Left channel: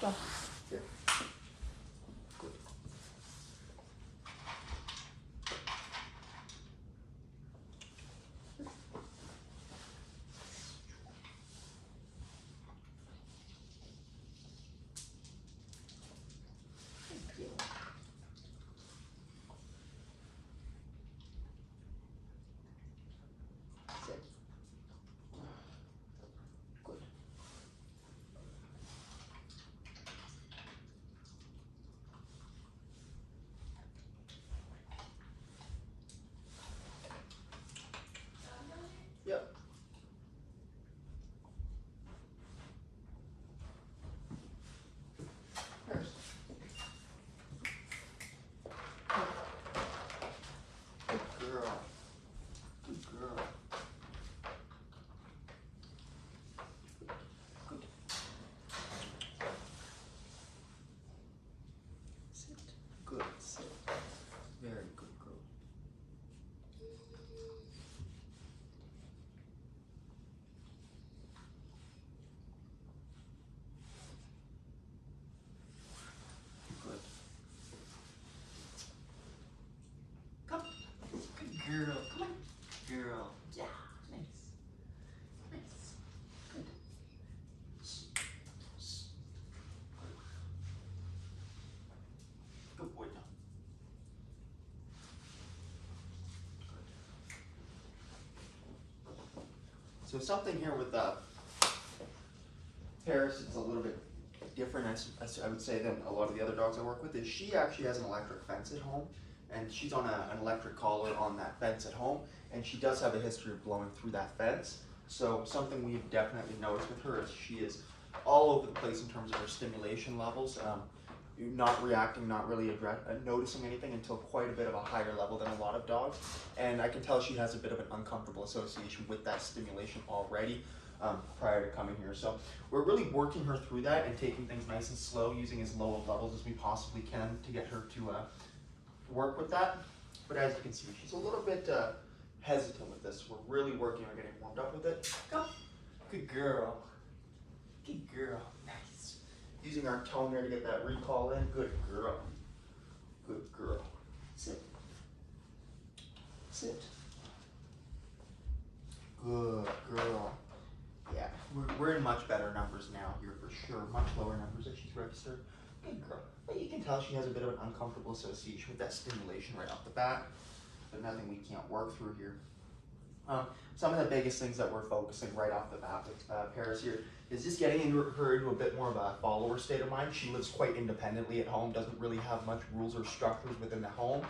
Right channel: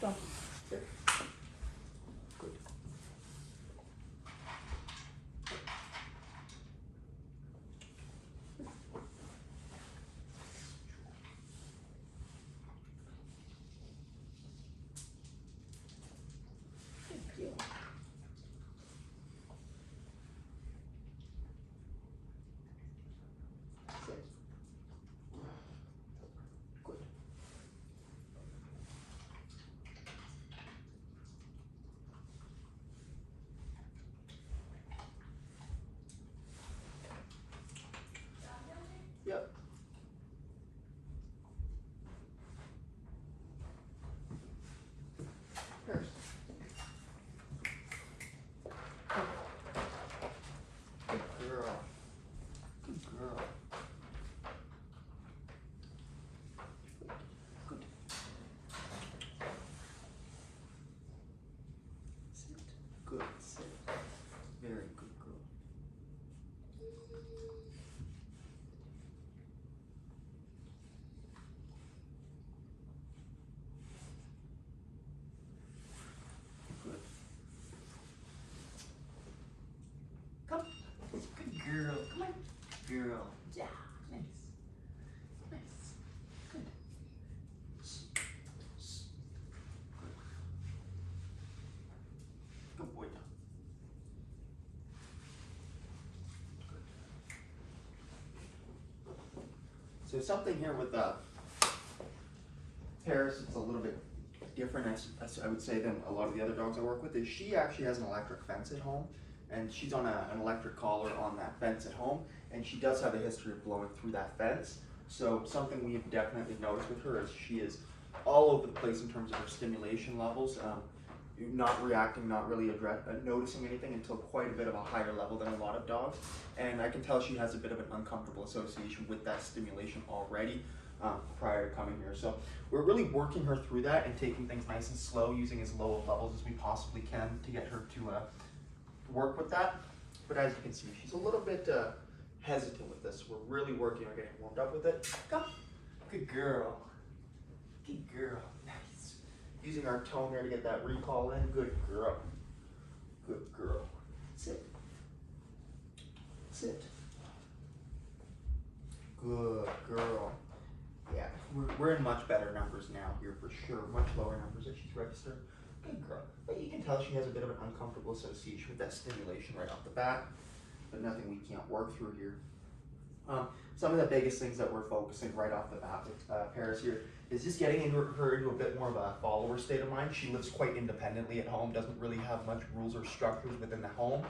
Stop. Sit. Good. Yep. First. Good girl. Good girl. Good. Sit. Good. Sit. Very good girl. Good. Come. Good girl. Come on. Girl. Yeah. Nice. Nice. Good. Good. Good boy. So something here with Paris, it's a little bit different, as I would say, than a lot of the other dogs I work with, is she actually has an electric fence at home, and she's on an electric collar on that fence at home, and she does have a history of blowing through that fence. So something we've definitely noticed with her is she is all over the place in terms of her stimulation levels, not reacting, not really noticing anything until quite a bit of a higher level than a lot of dogs. And I can tell she has a bit of an uncomfortable association with that stimulation already prior to coming here. So we're really working her through that and taking things nice and slow, using as low of levels as we possibly can to get her to work with that. But as you can see, she's a little bit hesitant with this. We're really working on getting warmed up with it. Come. Good girl. Good girl. Nice. Using our tone there to get that recall in. Good girl. Good girl. Sit. Sit. Good girl. Yeah, we're in much better numbers now here for sure. Much lower numbers that she's registered. Good girl. But you can tell she has a bit of an uncomfortable association with that stimulation right off the bat. But nothing we can't work through here. Some of the biggest things that we're focusing right off the bat with Paris here is just getting her into a bit more of a follower state of mind. She lives quite independently at home, doesn't really have much rules or structures within the home.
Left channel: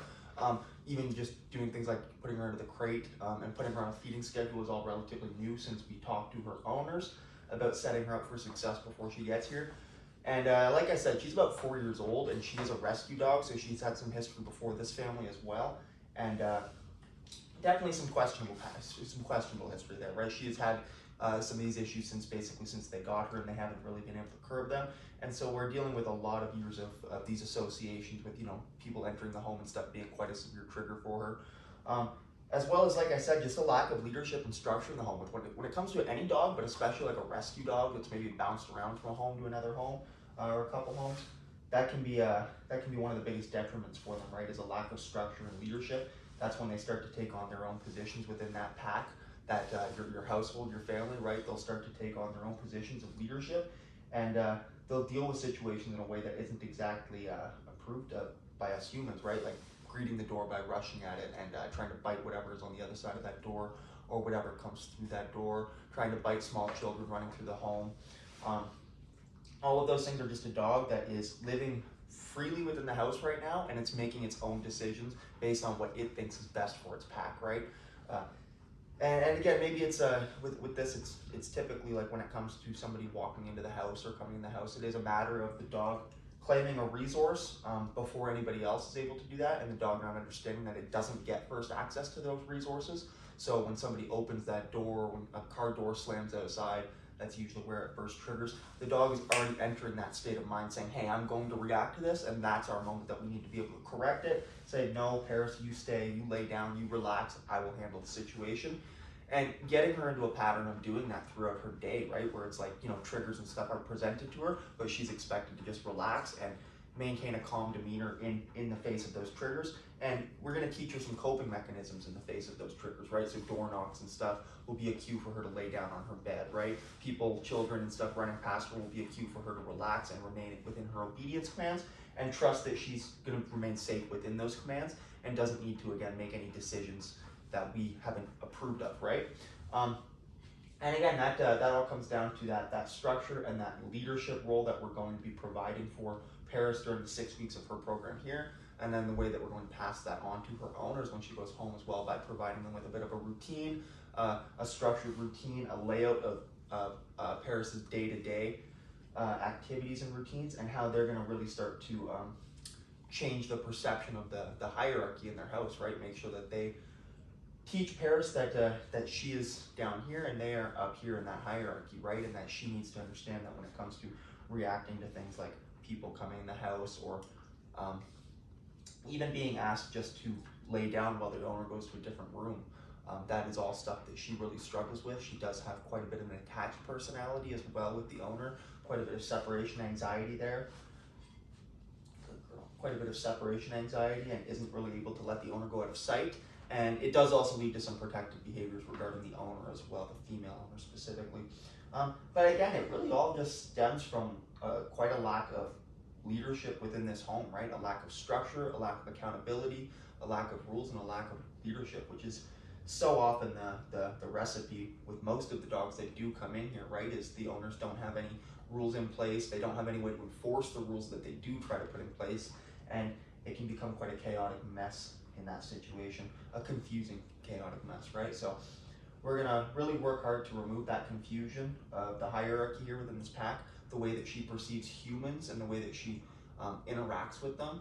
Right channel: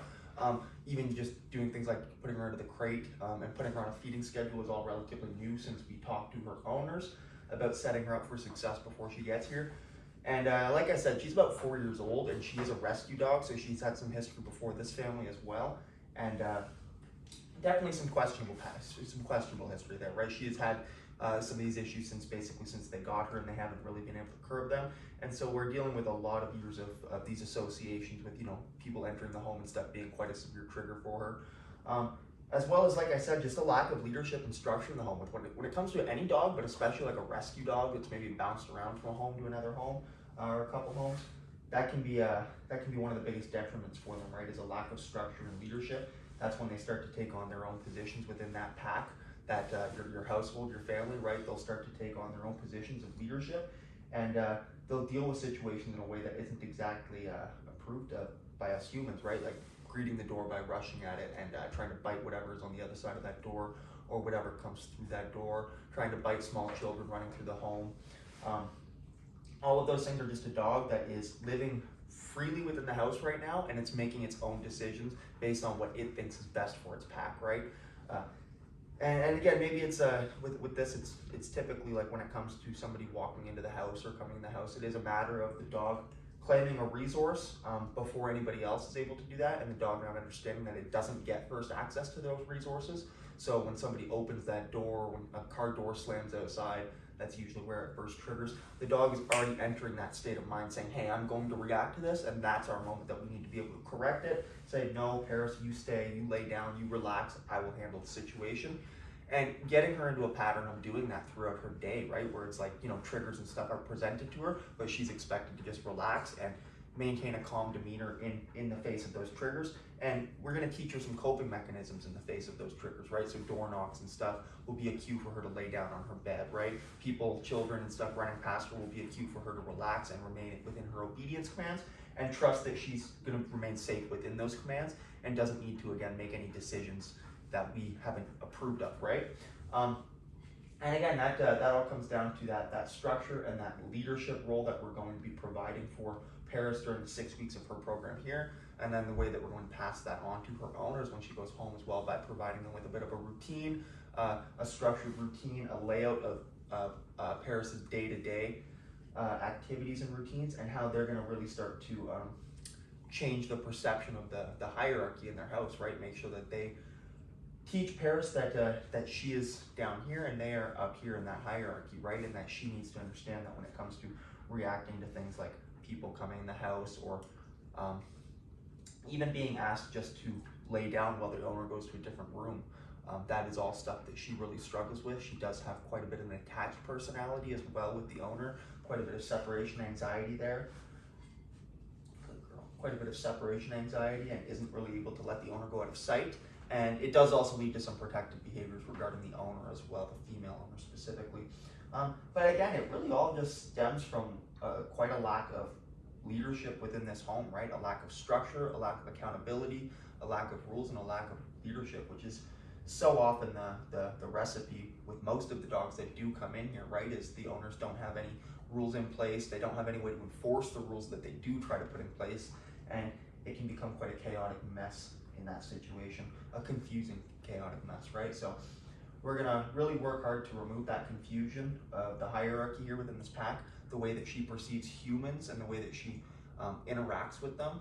Even just doing things like putting her into the crate and putting her on a feeding schedule is all relatively new since we talked to her owners about setting her up for success before she gets here. And like I said, she's about 4 years old and she is a rescue dog, so she's had some history before this family as well. And definitely some questionable history there, right? She has had some of these issues since they got her, and they haven't really been able to curb them. And so we're dealing with a lot of years of these associations with, people entering the home and stuff being quite a severe trigger for her. As well as, like I said, just a lack of leadership and structure in the home. When it comes to any dog, but especially like a rescue dog that's maybe bounced around from a home to another home or a couple homes, that can be one of the biggest detriments for them, right? Is a lack of structure and leadership. That's when they start to take on their own positions within that pack, that your household, your family, right? They'll start to take on their own positions of leadership, and they'll deal with situations in a way that isn't exactly approved by us humans, right? Like greeting the door by rushing at it and trying to bite whatever is on the other side of that door or whatever comes through that door, trying to bite small children running through the home. All of those things are just a dog that is living freely within the house right now, and it's making its own decisions based on what it thinks is best for its pack, right? And again, maybe it's with this, it's typically like when it comes to somebody walking into the house or coming in the house, it is a matter of the dog claiming a resource before anybody else is able to do that, and the dog not understanding that it doesn't get first access to those resources. So when somebody opens that door, when a car door slams outside, that's usually where it first triggers. The dog is already entering that state of mind saying, hey, I'm going to react to this, and that's our moment that we need to be able to correct it. Say, no, Paris, you stay, you lay down, you relax, I will handle the situation. and getting her into a pattern of doing that throughout her day, right? Where it's like, you know, triggers and stuff are presented to her, but she's expected to just relax and maintain a calm demeanor in the face of those triggers. And we're going to teach her some coping mechanisms in the face of those triggers, right? So door knocks and stuff will be a cue for her to lay down on her bed, right? People, children and stuff running past her will be a cue for her to relax and remain within her obedience commands and trust that she's going to remain safe within those commands and doesn't need to, again, make any decisions that we haven't approved of, right? And again, that all comes down to that structure and that leadership role that we're going to be providing for Paris during the 6 weeks of her program here, and then the way that we're going to pass that on to her owners when she goes home as well, by providing them with a bit of a routine, a structured routine, a layout of Paris's day-to-day activities and routines, and how they're going to really start to change the perception of the hierarchy in their house, right? Make sure that they teach Paris that she is down here and they are up here in that hierarchy, right? And that she needs to understand that when it comes to reacting to things like people coming in the house, or even being asked just to lay down while the owner goes to a different room. That is all stuff that she really struggles with. She does have quite a bit of an attached personality as well with the owner, quite a bit of separation anxiety there. Good girl. Quite a bit of separation anxiety, and isn't really able to let the owner go out of sight. And it does also lead to some protective behaviors regarding the owner as well, the female owner specifically. But again, it really all just stems from quite a lack of leadership within this home, right? A lack of structure, a lack of accountability, a lack of rules, and a lack of leadership, which is so often the recipe with most of the dogs that do come in here, right? Is the owners don't have any rules in place, they don't have any way to enforce the rules that they do try to put in place, and it can become quite a chaotic mess in that situation, a confusing, chaotic mess, right? So we're gonna really work hard to remove that confusion of the hierarchy here within this pack, the way that she perceives humans and the way that she interacts with them,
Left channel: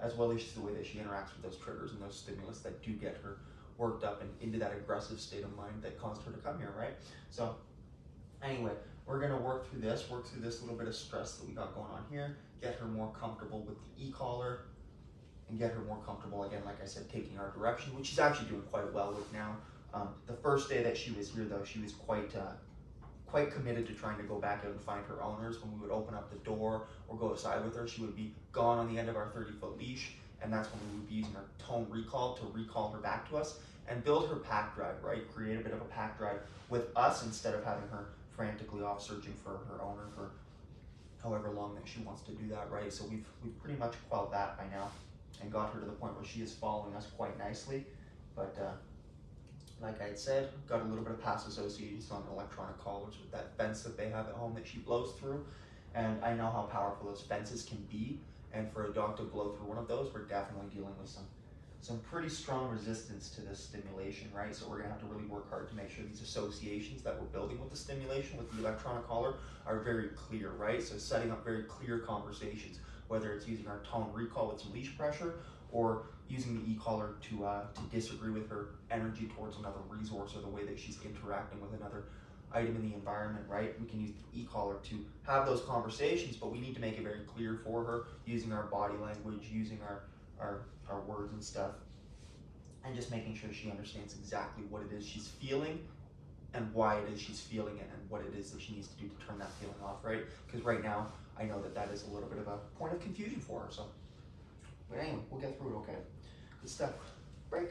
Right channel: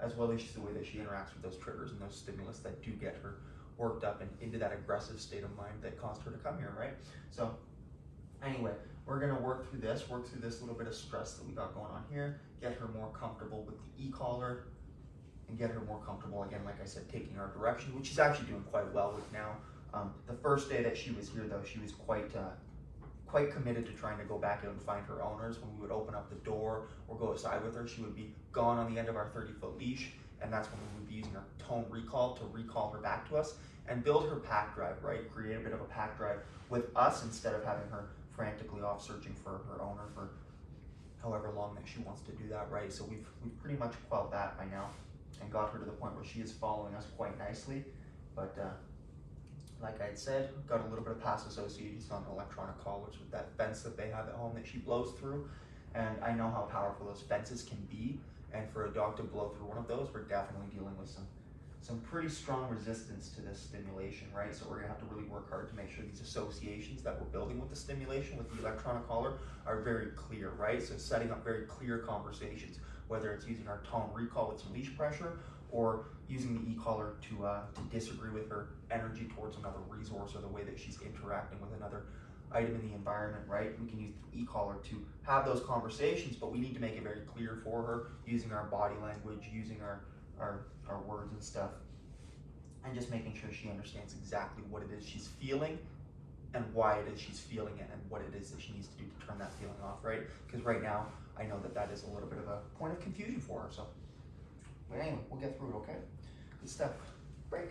as well as the way that she interacts with those triggers and those stimulus that do get her worked up and into that aggressive state of mind that caused her to come here, right? So anyway, we're gonna work through this little bit of stress that we got going on here, get her more comfortable with the e-collar, and get her more comfortable, again, like I said, taking our direction, which she's actually doing quite well with now. The first day that she was here, though, she was quite committed to trying to go back out and find her owners. When we would open up the door or go outside with her, she would be gone on the end of our 30-foot leash, and that's when we would be using our tone recall to recall her back to us and build her pack drive, right? Create a bit of a pack drive with us instead of having her frantically off searching for her owner for however long that she wants to do that, right? So we've pretty much quelled that by now and got her to the point where she is following us quite nicely. But like I had said, got a little bit of past associations on electronic collars with that fence that they have at home that she blows through. And I know how powerful those fences can be. And for a dog to blow through one of those, we're definitely dealing with some pretty strong resistance to this stimulation, right? So we're gonna have to really work hard to make sure these associations that we're building with the stimulation, with the electronic collar, are very clear, right? So setting up very clear conversations, whether it's using our tone recall with some leash pressure, or using the e-collar to disagree with her energy towards another resource, or the way that she's interacting with another item in the environment, right? We can use the e-collar to have those conversations, but we need to make it very clear for her, using our body language, using our words and stuff, and just making sure she understands exactly what it is she's feeling and why it is she's feeling it, and what it is that she needs to do to turn that feeling off, right? Because right now, I know that is a little bit of a point of confusion for her, so. But anyway, we'll get through it, okay? Good stuff. Break.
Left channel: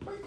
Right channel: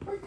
Break.